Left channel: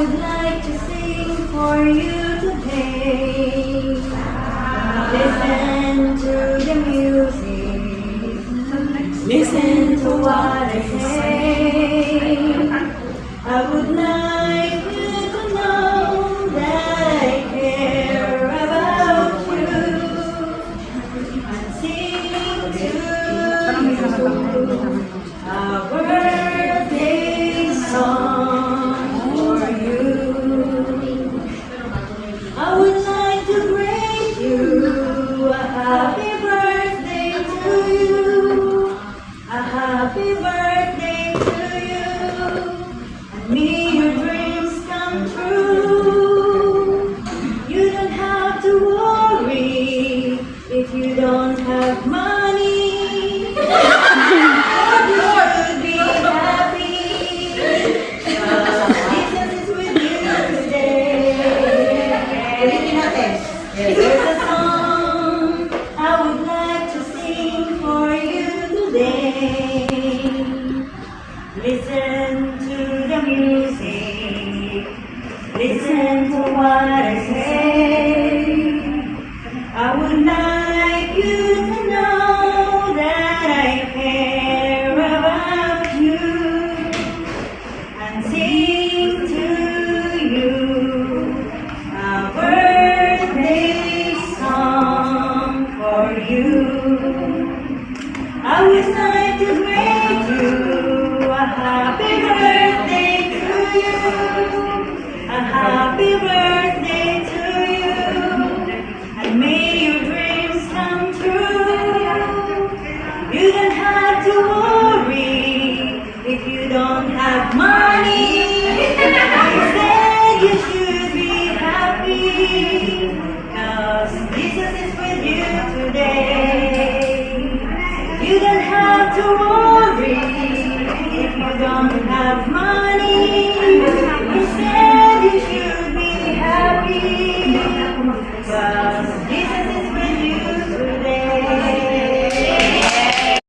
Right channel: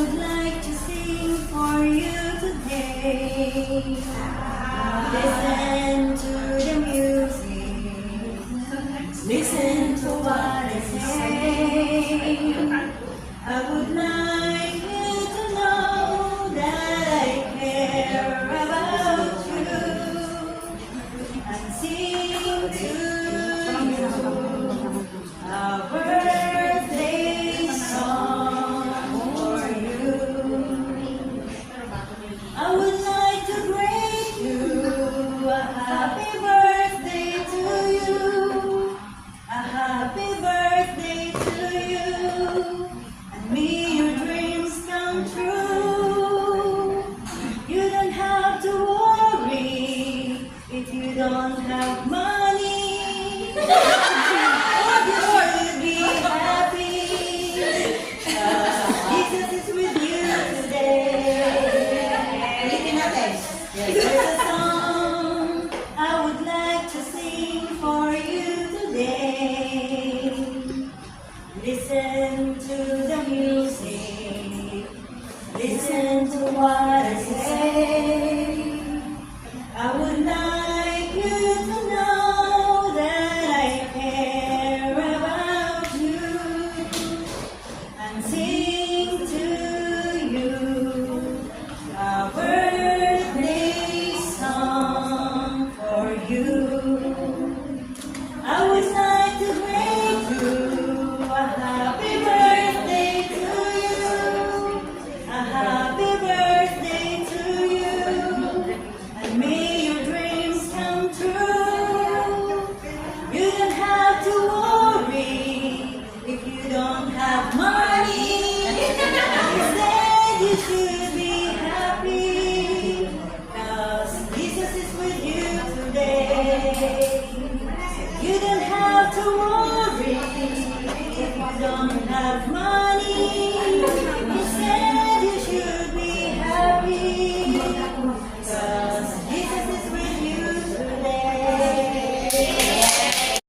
would like to sing for you today. Listen to the music. Listen to what I say. I would like you to know that I care about you and sing to you a birthday song for you. I would like to greet you a happy birthday to you, a happy birthday to you, and may your dreams come true. You don't have to worry if you don't have money. You should be happy, 'cause Jesus is with you today. There's a song I would like to sing for you today. Listen to the music. Listen to what I say. I would like you to know that I care about you and sing to you a birthday song for you. I would like to greet you a happy birthday to you, a happy birthday to you, and may your dreams come true. You don't have to worry if you don't have money. Instead, you should be happy, 'cause Jesus is with you today. You don't have to worry if you don't have money. Instead, you should be happy, 'cause